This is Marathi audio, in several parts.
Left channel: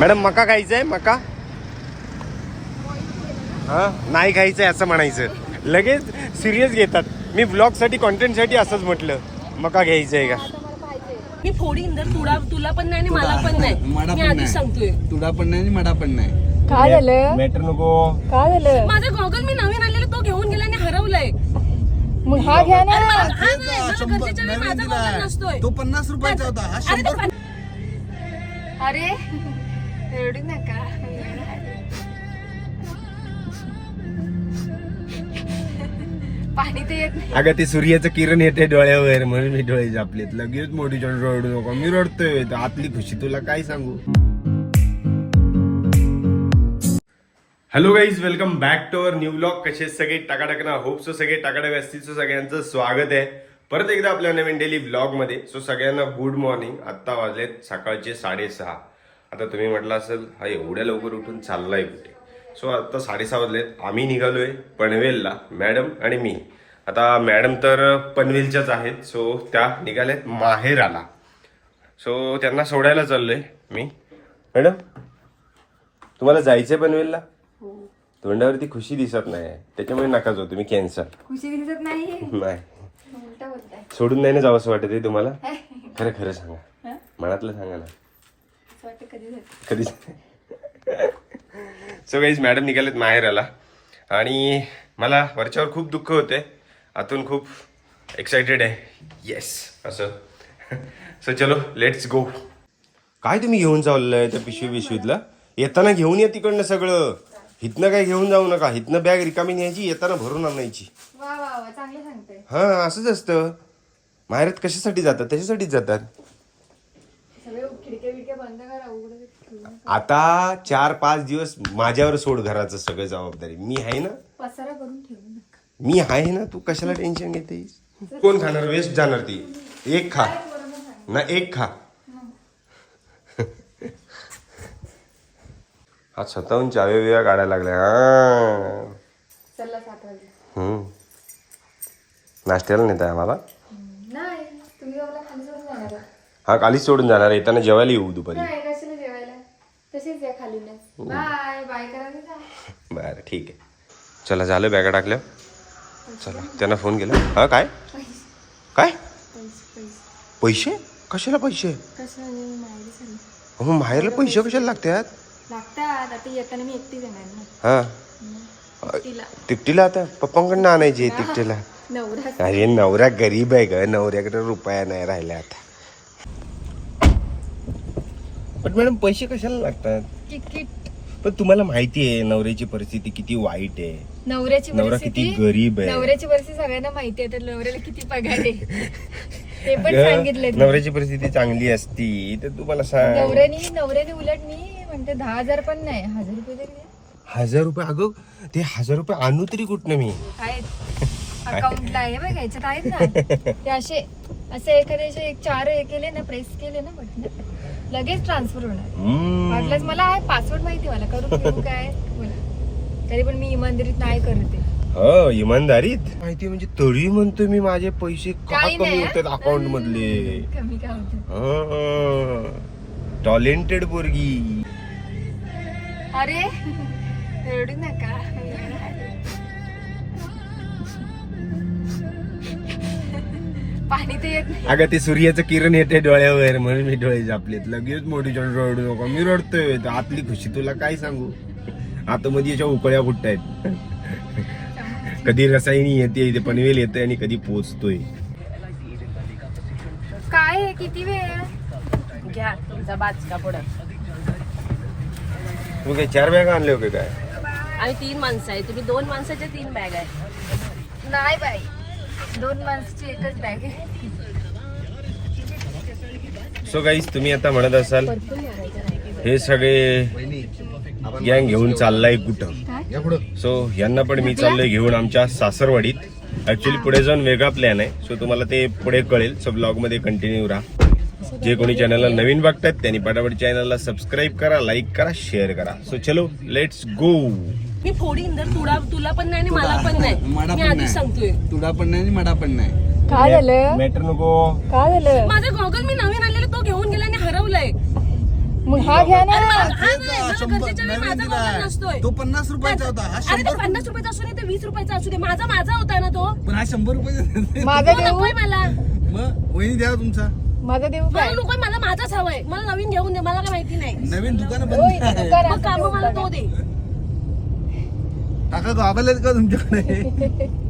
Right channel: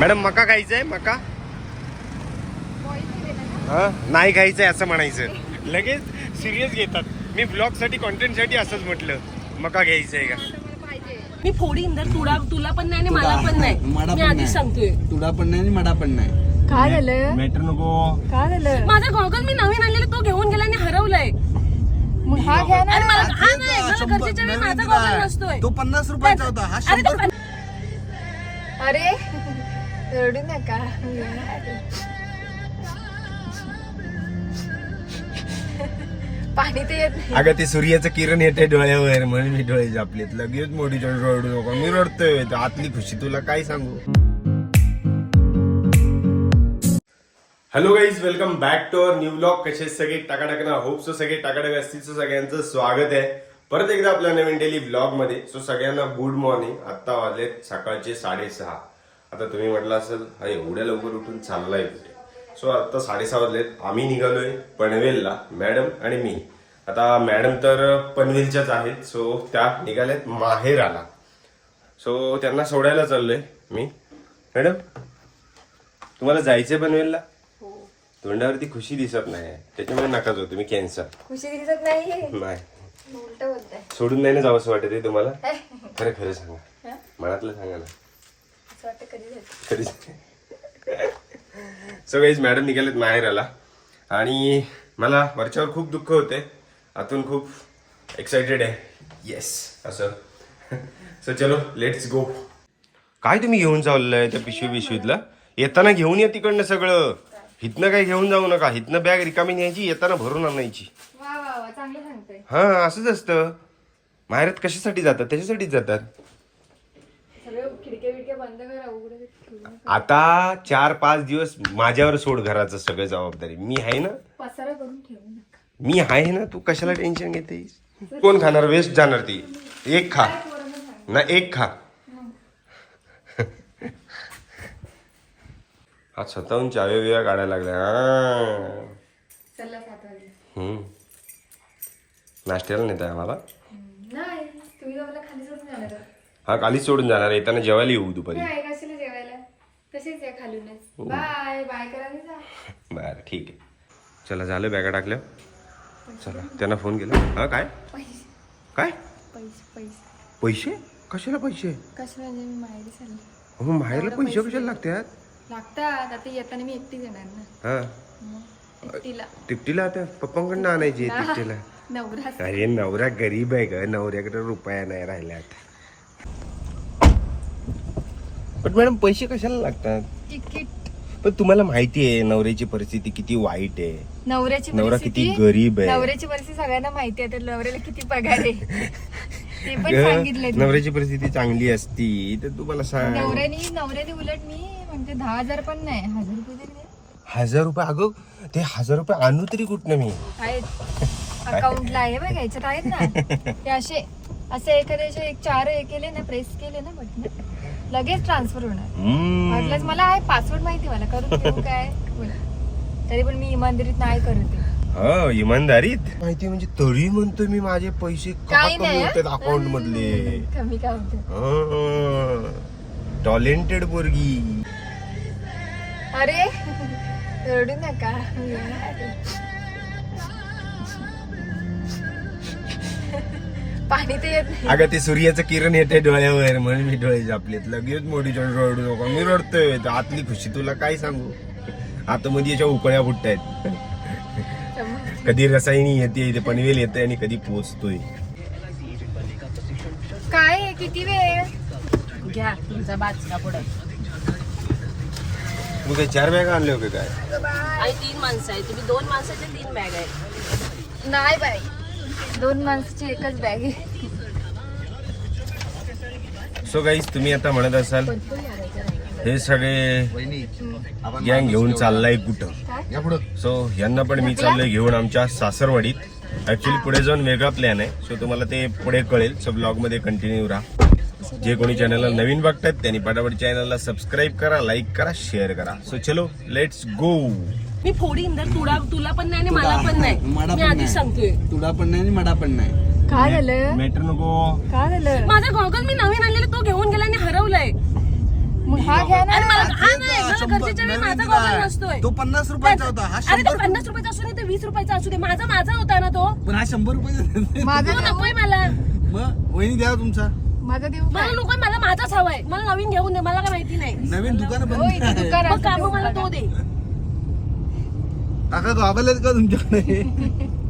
मॅडम मका खायचंय मका? हा? नाही खायचंय असं म्हणायचं. लगेच सिरियस घेतात. मी ब्लॉगसाठी कॉन्टेंटसाठी असंच म्हटलं. मका घ्यायचंय का? मी फोडी इंदर तुला तुला पण नाही आणि मला पण नाही. मला मी पण आधीच नाही. सांगतोय. तुला पण नाही आणि मला पण नाही. काय झालं? मॅटर नको. काय झालं? माझा गॉगल मी नवीन आणलेला तो घेऊन गेला आणि हरवलाय. मग हा घ्या ना. आणि मला हा तेच नाही ना, मला शंभर- गरजेच्या वेळी नवीन माझा दिलाय. गॉगल नसतोय. तो पन्नास रुपयाचा होता. हा अरे तो शंभर पण- अरे? रडू नका पाणी ते येत नाही. अगं ते सूर्याचं किरण येते डोळ्यावर म्हणून मी डोळे झापलेत. लगेच मोठी रडू नको. मी रडतोय. तर आतली खुशी तुला काय सांगू? Hello guys welcome back to our new blog कसे सगळे? टाकाटाक ना होपचं सगळे टाकाटाक असतील सगळ्यांचं स्वागत आहे. परत एकदा आपल्या नवीन डेली ब्लॉगमध्ये. सो सगळ्यांना गुड मॉर्निंग आत्ता वाजलेत सकाळचे साडेसहा. आता तुम्ही म्हटलं असेल हा एवढ्या लवकर उठून चाललाय कुठे? सो आता साडेसहा वाजलेत. आम्ही निघालोय पनवेलला मॅडम आणि मी. आता मॅडम तर पनवेलच्याच आहेत सो त्या निघाल्यात माहेराला. सो त्यांना सोडायला चाललोय मी. मॅडम तुम्हाला जायचंय पनवेलला? तोंडावरती खुशी दिसत नाही. त्याच्यामुळे नकाच होते मी कॅन्सर खुशी दिसत नाही? सोडून नाही ना जावं असं वाटत आहे तुम्हाला? खरं खरं सांगा. मनातलं सांगा ना. असं वाटतं कधी झालं. सो गाईज मॅडम निघालेत माहेराला. आणि मला वरच्यावर खूप दुःख होते. आतून खूप एक्साइटेड आहे. येस असं. सो चलो लेट्स गो काय तुम्ही घेऊन चाललंय त्या पिशवी पिशवीतला येताना घेऊन या तिकडनं सगळं. हिथनं काय घेऊन जाऊ नका. हिथनं बॅग रिकामी न्यायची येताना भरून आणायची. हा असंच असतं. माहेरात कशासाठी जातात? त्याच्यासाठीच जातात. बंद करा उघडं ठेवू नका. आता चार पाच दिवस माझ्यावर सोड घराचं सगळं जबाबदारी. मी आहे ना? पसारा करून ठेवू नका मी आहे ना? तू कशाला टेन्शन घेते कोण खाणार? वेस्ट जाणार ती. एक खा. ना एक खा. हा. स्वतःहून चाव्या बिव्या काढायला लागल्या. हा. चला सात वाजले हम्म. नाश्त्याला नेत आहे आम्हाला नाही तुम्ही दोघांना खाली सोडून जाणार आहात. हा कालीच सोडून जाणार आहे. येताना जेवायला येऊ दुपारी. नाही कशाला जेवायला? तसेच या खालूनच. बाय बाय जा. बरं ठीक आहे. चला झालं बॅगा टाकल्या. चला त्यांना फोन केला. हा काय? पैसे काय? पैसे? पैसे पैसे कशाला पैसे? कसं म्हणजे मी माहेरी चालले. हो माहेरला पैसे कशाला लागतात? लागतात. आता येताना मी एकटी येणार ना. हा. मग एकटीला. तिकटीला आता? पप्पांकडनं आणायची नवरा. अरे नवरा गरीब आहे ग. नवऱ्याकडे रुपया नाही राहिला आता. पण मॅडम पैसे कशाला लागतात? तिकीट पण तुम्हाला माहिती आहे नवऱ्याची परिस्थिती किती वाईट आहे. नवऱ्याची नवरा परिस्थिती- किती गरीब आहे. नवऱ्याची परिस्थिती सगळ्यांना माहिती आहे तर नवऱ्याला किती पगार आहे? ते पण नवऱ्याची परिस्थिती चांगली असती तर तुम्हाला सांग नवऱ्याने नवऱ्याने उलट मी म्हणते दहा हजार पण नाही. हजार रुपये तरी नाही. हजार रुपये? अगं ते हजार रुपये आणू तरी कुठनं मी? आहेत. अकाउंटला आहे बघा याच्यात आहेत ना. ते असे असं एखाद्याचे एक चार हे केले ना प्रेस केले ना बटन. लगेच ट्रान्सफर होणार. हम्म. मला आहे पासवर्ड माहिती आहे मला. करून काय. तरी पण मी इमानदारीत नाही करत. हो इमानदारीत? माहिती म्हणजे तरी म्हणतोय मी माझे पैसे का काही कमी नाही. होतात अकाउंट मधले? कमी काय होतं? टॅलेंटेड पोरगी. अरे रडू नका. पाणी ते येत नाही. अगं ते सूर्याचं किरण येते डोळ्यावर म्हणून मी डोळे झापलेत. लगेच मोठी रडू नको मी रडतोय. तर आतली खुशी तुला काय सांगू? आतमध्ये याच्या उकळ्या फुटतायत. कधी रसायनी येते इथे पनवेल येते आणि कधी पोचतोय. काय आहे? किती वेळ घ्या तुमचा बाजूला पुढे. तू काय चार बॅग आणले होते काय? आणि तीन माणसं आहे तुम्ही दोन माणसाच्या तीन बॅग आहेत. नाही बाई. दोन माणसाची एकच बॅग आहे. सो गाईज तुम्ही आता म्हणत असाल हे सगळे गँग घेऊन चाललाय कुठं? सो यांना पण मी चाललोय घेऊन आमच्या सासरवाडीत. ऍक्च्युली पुढे जाऊन वेगळा प्लॅन आहे. सो तुम्हाला ते पुढे कळेल. सो ब्लॉगमध्ये कंटिन्यू राहा. जे कोणी चॅनलला नवीन बघतात त्यांनी पटापट चॅनलला सबस्क्राईब करा लाईक करा शेअर करा. सो चलो लेट्स गो मी फोडी इंदर तुला तुला पण नाही आणि मला पण नाही. मला मी पण आधीच सांगतोय. नाही तुला पण नाही आणि मला पण नाही. काय झालं? मॅटर नको. काय झालं? माझा गॉगल मी नवीन आणलेला तो घेऊन गेला आणि हरवलाय. मग हा घ्या ना. अरे मला हा, तेच नाही ना, मला शंभर- गरजेच्या वेळी नवीन माझा दिलाय. मोबाईल नसतोय. तो पन्नास रुपयाचा होता. हा अरे तो शंभर पन्नास रुपयाचा असू दे ते वीस रुपयाचा असू दे. माझा माझा होता ना तो. पण हा शंभर रुपये माझा तो देऊ? नकोय मला. मग वहिनी द्या तुमचा. माझा देऊ मला काय? नकोय मला माझाच हवाय. मला नवीन घेऊन दे मला काय माहिती नाही. नवीन दुकान हो, बंद आहे. मग. काम मला तो दे. काका गॉगल का तुमच्याकडे?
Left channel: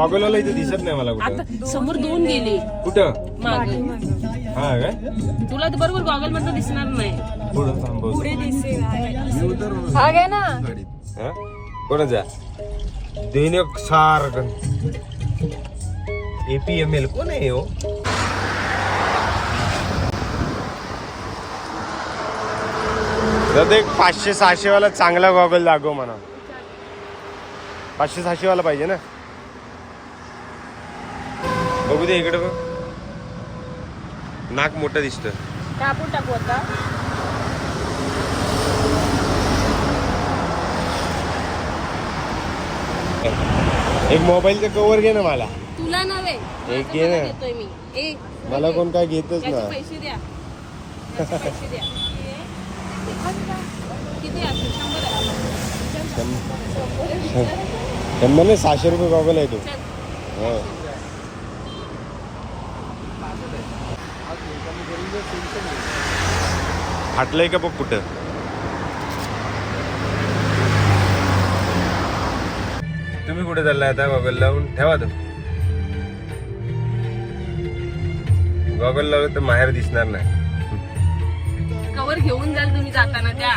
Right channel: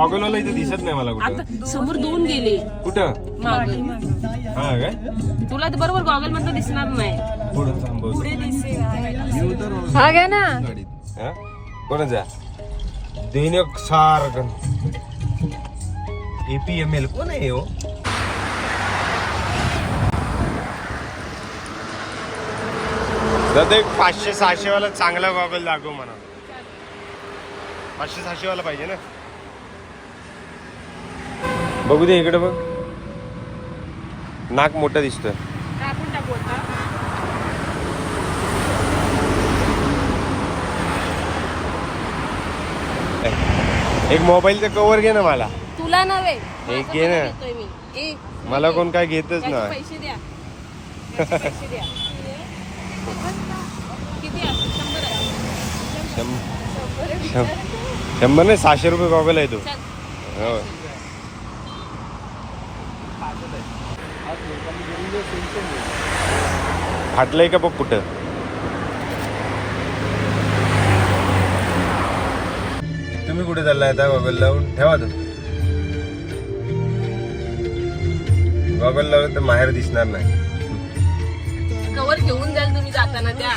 गॉगलवाला इथे दिसत नाही मला कुठं. आता समोर दोन गेले. कुठं? माग. हा काय? तुला तर बरोबर गॉगल म्हणता दिसणार नाही. पुढं थांबव पुढे दिसेल. हा घ्या ना. हा? कोणाचा दैनिक एपीएमएल कोण आहे हो? दादा एक पाचशे सहाशे वाला चांगला गॉगल लागो म्हणा. पाचशे सहाशे वाला पाहिजे ना? बघू दे इकडे बघ. नाक मोठं दिसतं. कापून टाकू आता. एक मोबाईलचं कवर घे ना मला. तुला नव्हे एक माझं घे ना. मला घेतोय मी. ए मला कोण काय घेतच याचे नाही. पैसे द्या. याचे पैसे द्या. किती असेल शंभर आहे. शंभर शं- शंभर नाही सहाशे रुपये गॉगल आहे तो. चल. हो. फाटलंय का बघ कुठं? तुम्ही कुठे चाललाय आता गॉगल लावून? ठेवा तो गॉगल लावून तर माहेर दिसणार नाही. कवर घेऊन जाल तुम्ही जाताना त्या.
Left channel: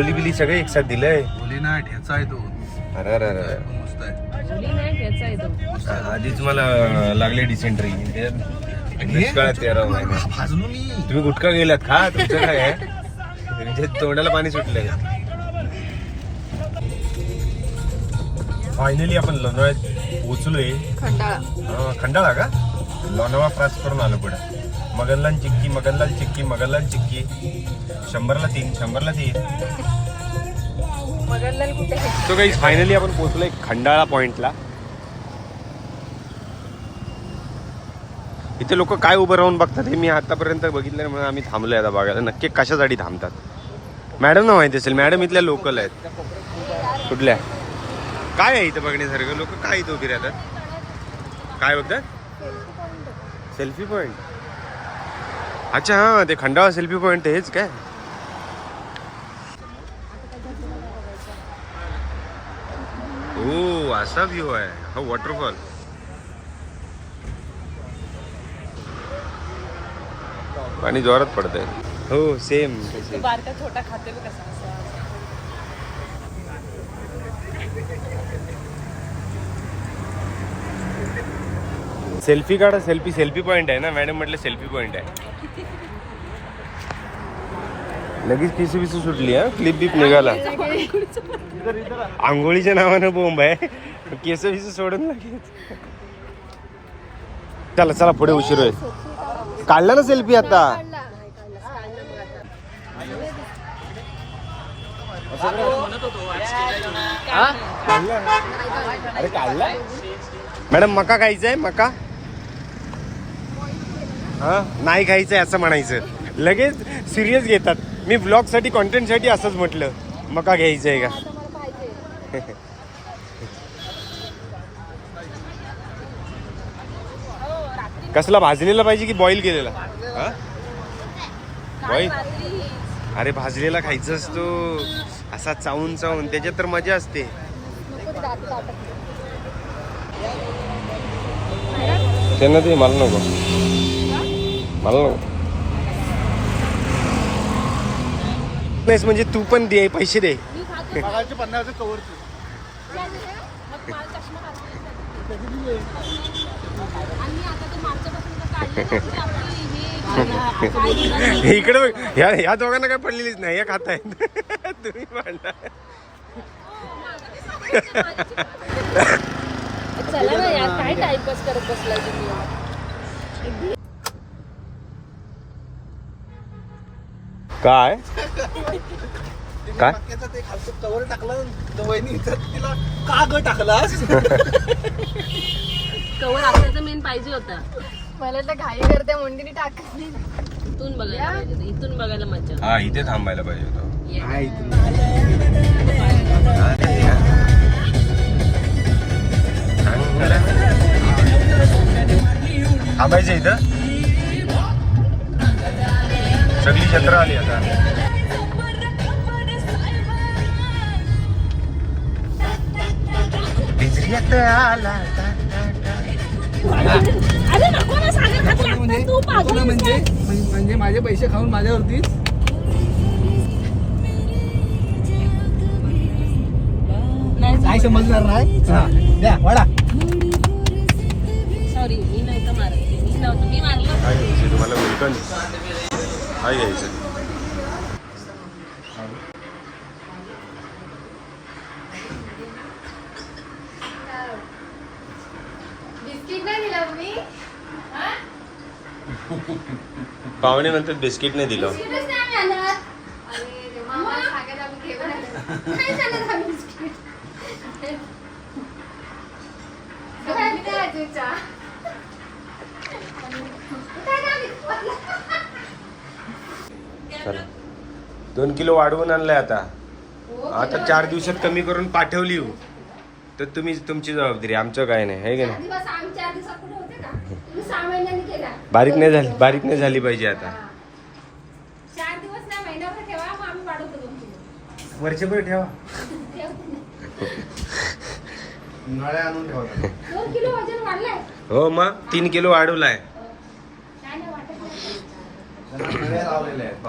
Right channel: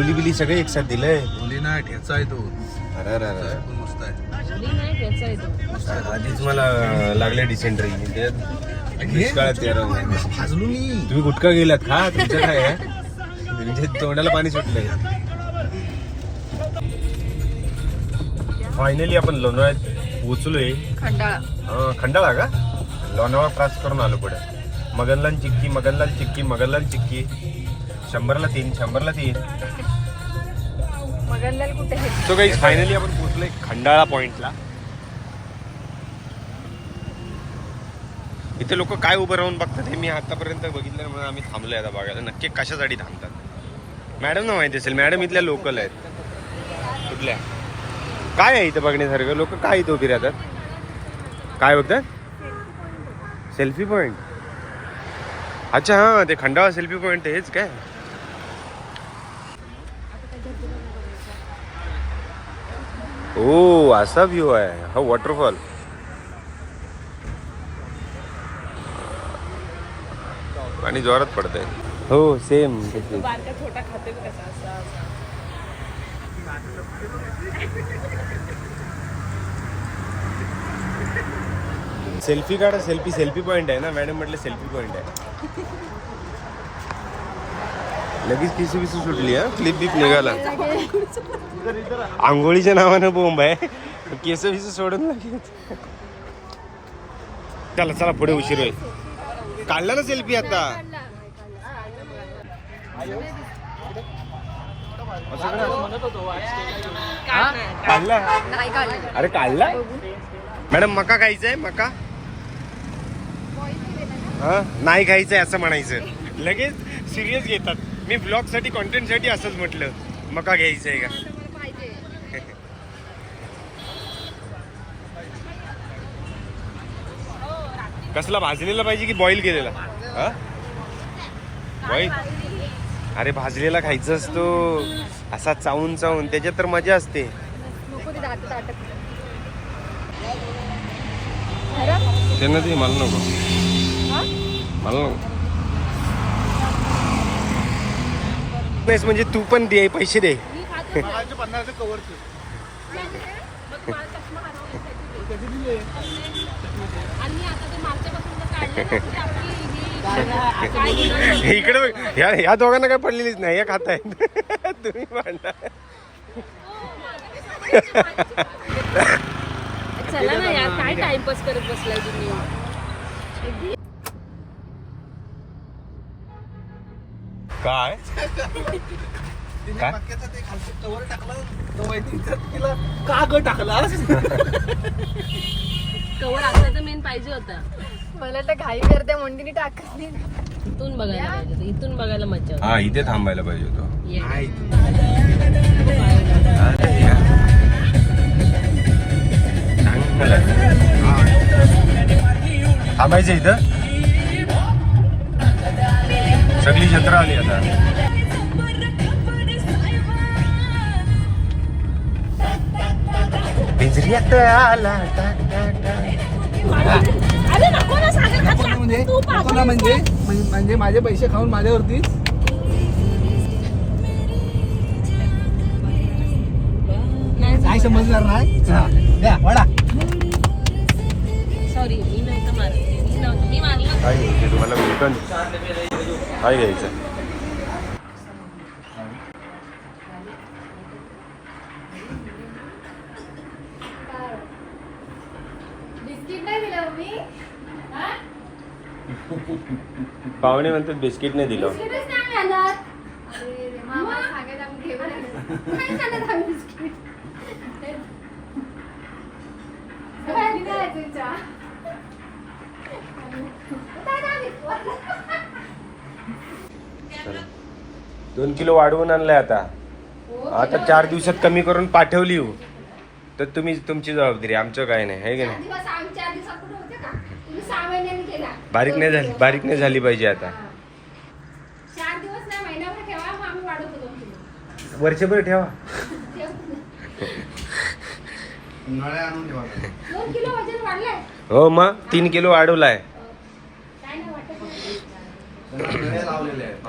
ओली बिली सगळे एक साथ दिलंय. बोले ना ठेचा आहे तो. अरे अरे पण मस्त आहे. आधीच मला लागले डिसेंट्री त्याच्यात दुष्काळात तेरा महिने. भाजलो मी. तुम्ही गुटखा गेलात खा तुमचं काय? आहे? तुमच्या तोंडाला पाणी सुटलं फायनली आपण लोणावळ्यात पोचलोय खंडाळा. अं, खंडाळा का? लोणावळा क्रॉस करून आलो पुढे. मगनलाल चिक्की मगनलाल चिक्की मगनलाल चिक्की. शंभरला तीन शंभरला तीन. मगनलाल कुठे गेले? सो काही फायनली आपण पोहोचलोय खंडाळा पॉइंटला इथे लोक काय उभं राहून बघतात हे मी आतापर्यंत बघितलं म्हणून आम्ही थांबलोय आता बघायला. नक्की कशासाठी थांबतात? मॅडम ना माहिती असेल मॅडम इथल्या लोकल आहेत. कुठल्या? काय आहे इथं बघण्यासारखं? लोक काय इथं उभी राहतात? काय होतं? सेल्फी पॉइंट अच्छा हा ते खंडाळा सेल्फी पॉइंट हेच काय? ओ असा व्ह्यू आहे. हा वॉटरफॉल पाणी जोरात पडतंय. हो सेम छोटा खाते बघ कसा असं सेल्फी काढा सेल्फी सेल्फी पॉइंट आहे ना? मॅडम म्हटलं सेल्फी पॉइंट आहे. लगेच किसी बिसी सुटली हा? क्लिप बीप निघाला. आंघोळीच्या नावानं बोंब आहे. केस बिस सोडून लगेच. चला चला पुढे उशीर होईल. काढला ना सेल्फी आता? काढला? अरे काढला. मॅडम मका खायचंय? आहे मका? हा? नाही खायचंय असं म्हणायचं. लगेच सिरियस घेतात. मी ब्लॉगसाठी कॉन्टेंटसाठी असंच म्हटलं. मका घ्यायचंय का? कसला भाजलेला पाहिजे की बॉईल केलेला? हा? बॉईल अरे भाजलेला खायचं असतो. असा चावून चावून. त्याच्यात तर मजा असते. त्यांना ते मला नको. मला म्हणजे तू पण दे पैसे दे. ही-? इकडे. ह्या ह्या दोघांना काय पडलेलीच नाही या खात आहेत तुम्ही चला ना यार काय टाइमपास करत बसलाय तुम्ही? काय? काय? ते खालचं कवर टाकलं वहिनी तिला का ग टाकलास कवर आपल्याचं मेन पाहिजे होता. मला तर घाई करते मोंडीने टाकत नाही. इथून बघायला पाहिजे होतं. इथून बघायला मजा. हा इथे थांबायला पाहिजे होतो. ये. चांगलं. आहे. थांबायचं इथं? सगळी जत्रा आली आता. म्हणजे? म्हणजे? म्हण- म्हणजे माझे पैसे खाऊन माझ्यावरतीच नाही काय समजणार नाही? हा, द्या वाडा. सॉरी मी नव्हतं मारत. मी नव्हतं. मी मारलं. काय तुम्हाला गुलकंद काय घ्यायचं बिस्किट नाही दिलं मी पाहुणे म्हणतात बिस्किट नाही दिलं बिस्किटच नाही आणत अरे रे, मामा सांगायला आपण घेऊन आलो. नाही आणत आम्ही बिस्किट. काय नाही आहे तुझा? काय नाही? चला. दोन किलो वाढवून आणलंय आता. आता चार दिवसात कमी करून पाठवली हो. तर तुम्ही तुमची जबाबदारी आमचं काय नाही आहे की नाही? बारीक नाही झाली बारीक नाही झाली पाहिजे आता. वर्षभर ठेवा. हो मग तीन किलो वाढवलाय. लावलेल्या आहेत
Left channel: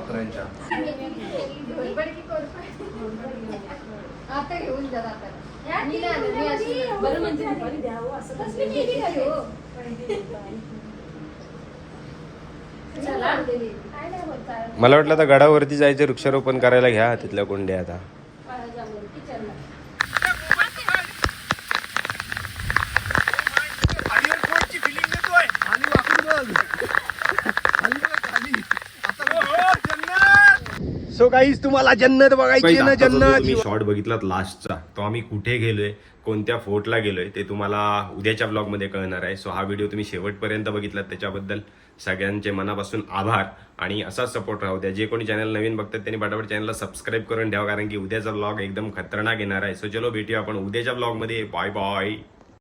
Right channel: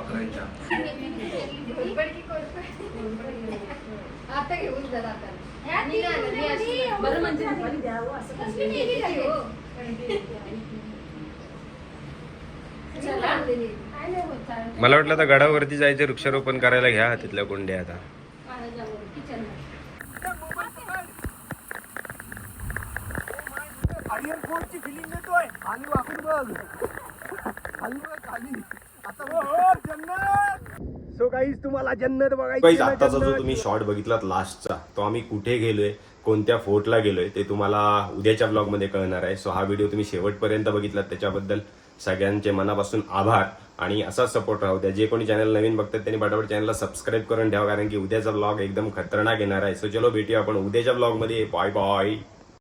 आता घेऊन जा आता बरं म्हणजे द्यावं असं मला वाटलं आता गडावरती जायचं वृक्षारोपण करायला घ्या तिथल्या कोंड्या आता. काहीच तुम्हाला जन्नत बघायची ना जन्नत. तुम्ही शॉर्ट बघितलात लास्टचा तो आम्ही कुठे गेलोय कोणत्या फोर्टला गेलोय ते तुम्हाला उद्याच्या ब्लॉगमध्ये कळणार आहे. सो हा व्हिडिओ तुम्ही शेवटपर्यंत बघितलात त्याच्याबद्दल सगळ्यांचे मनापासून आभार. आणि असाच सपोर्ट राहू द्या. जे कोणी चॅनल नवीन बघतात त्यांनी पटापट चॅनलला सबस्क्राईब करून ठेवा कारण की उद्याचा ब्लॉग एकदम खतरनाक येणार आहे. सो चलो भेटूया आपण उद्याच्या ब्लॉगमध्ये बाय बाय